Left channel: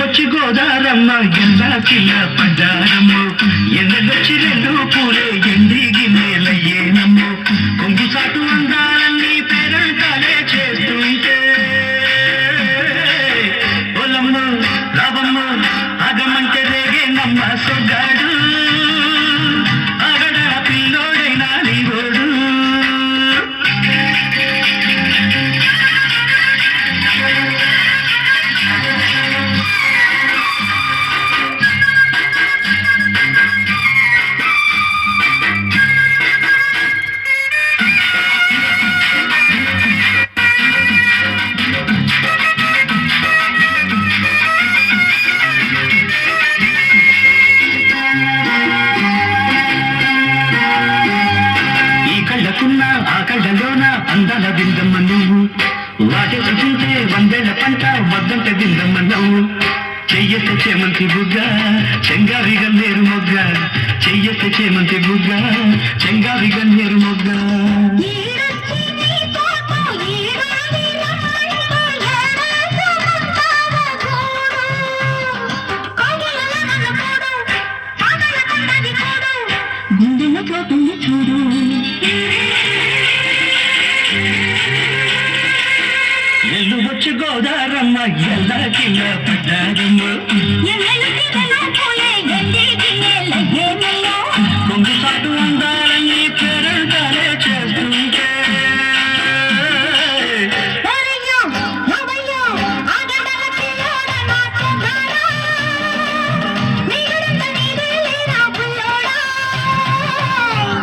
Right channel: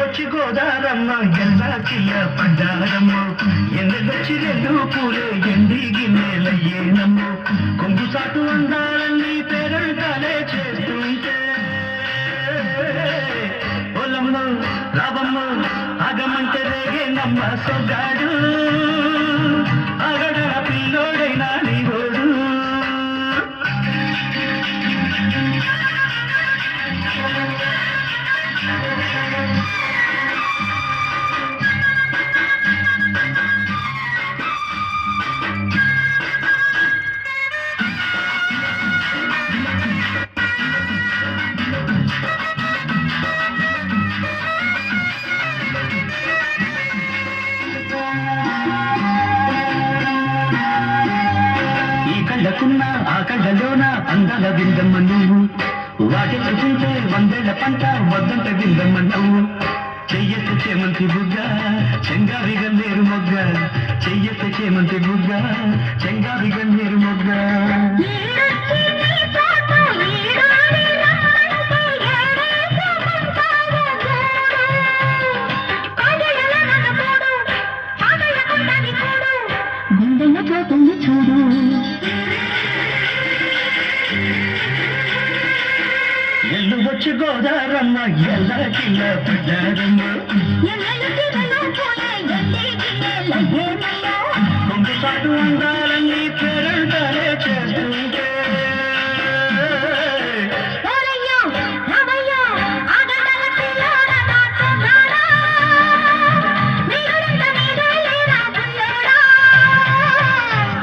వచ్చి గోదారమ్మ ఎల్లా చిన్న పడ్డారమ్మ ఎన్నొచ్చి రెండు పూలే ఎండి గిన్నెలయ్యేనమ్మ కొంగు సాటు అందాలన్నీ పేరంటాలే చేస్తుంటే పొలమ్మ రాబమ్మ ఆగమంటే రేగే నమ్మ సొగ్గాడు ఆగడ పిల్లోడైనా నీవోడు కళ్ళకున్న ఆ కళ్ళలోన అందాల విందమ్మ నువ్వు వాటి చూస్తే వందేళ్ల పంట వద్దంట విందమ్మ నువ్వు చెయ్యెత్త చేమంతి బుగ్గ చెంగావి గన్నేరు మొగ్గ చెయ్యెత్త చేమంతి బుగ్గ చెంగావి గన్నేరు మొగ్గ గుండెల పోతుంది చూడు ఎల్లు వచ్చి గోదారమ్మ ఎల్లా కిల్ల పడ్డారమ్మ కొంగు సాటు అందాలన్నీ పేరంటాలే చేస్తుంటే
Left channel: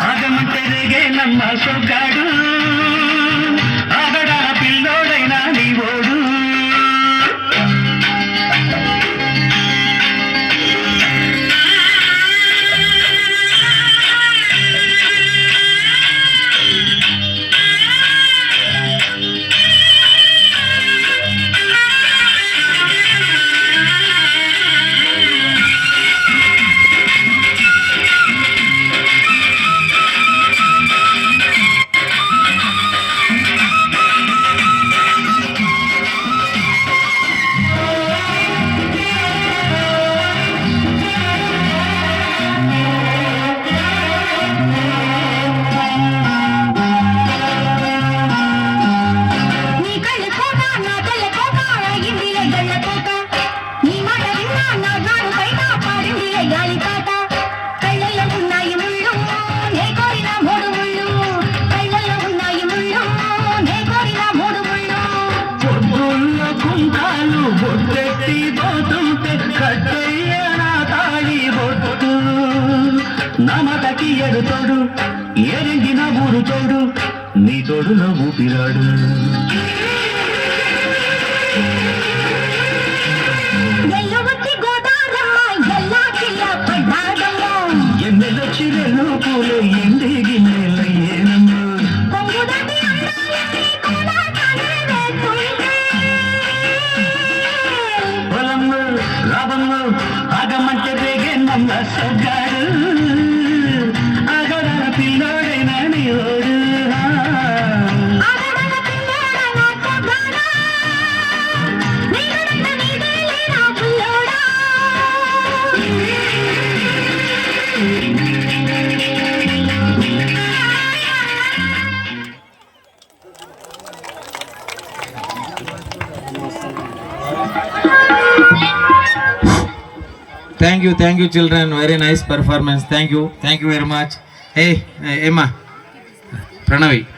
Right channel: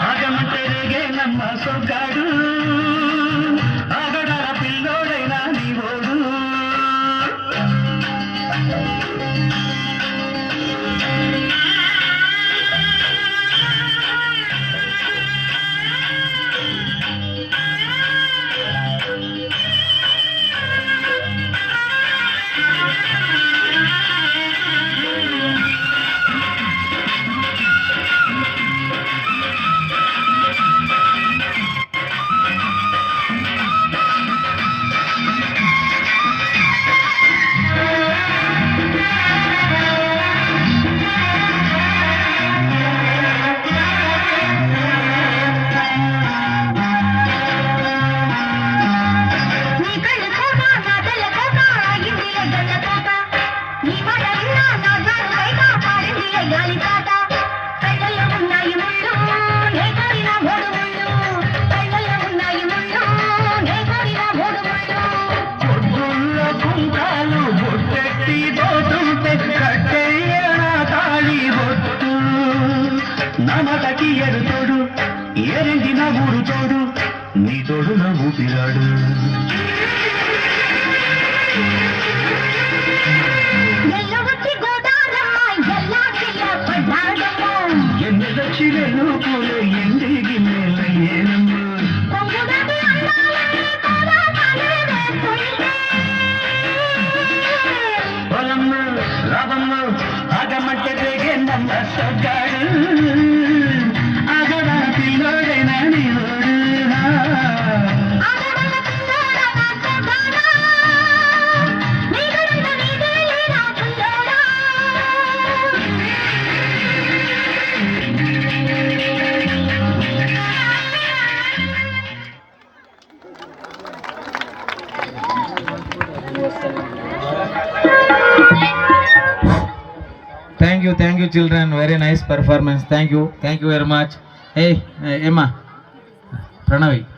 ఆగమంటే రేగే నమ్మ సొగ్గాడు ఆగడ పిల్లోడైనా నీవోడు కళ్ళల్లో ఉన్నాయి ముళ్ళు నే కోరిన మూడు ముళ్ళు కళ్ళల్లో ఉన్నాయి ముళ్ళు నే కోరిన మూడు ముళ్ళు పొద్దుల్లో కుంకాలు బొట్టెట్టి పోతుంటే కట్టెయ్యన తాళి బొట్టు నమతకి ఎడుతోడు ఎరంగిన ఊరు తోడు నీ తోడులో ఊపిరాడు ఎన్నెదొచ్చి రెండు పూలే ఎండి గిన్నెలయ్యేనమ్మ పొలమ్మ రాబమ్మ ఆగమంటే రేగే నమ్మ సొగ్గాడు ఆగడ పిల్లోడైనా నీవోడు Thank you, children. Very nice performance. Thank you very much. Hey, Emma, Pranavi.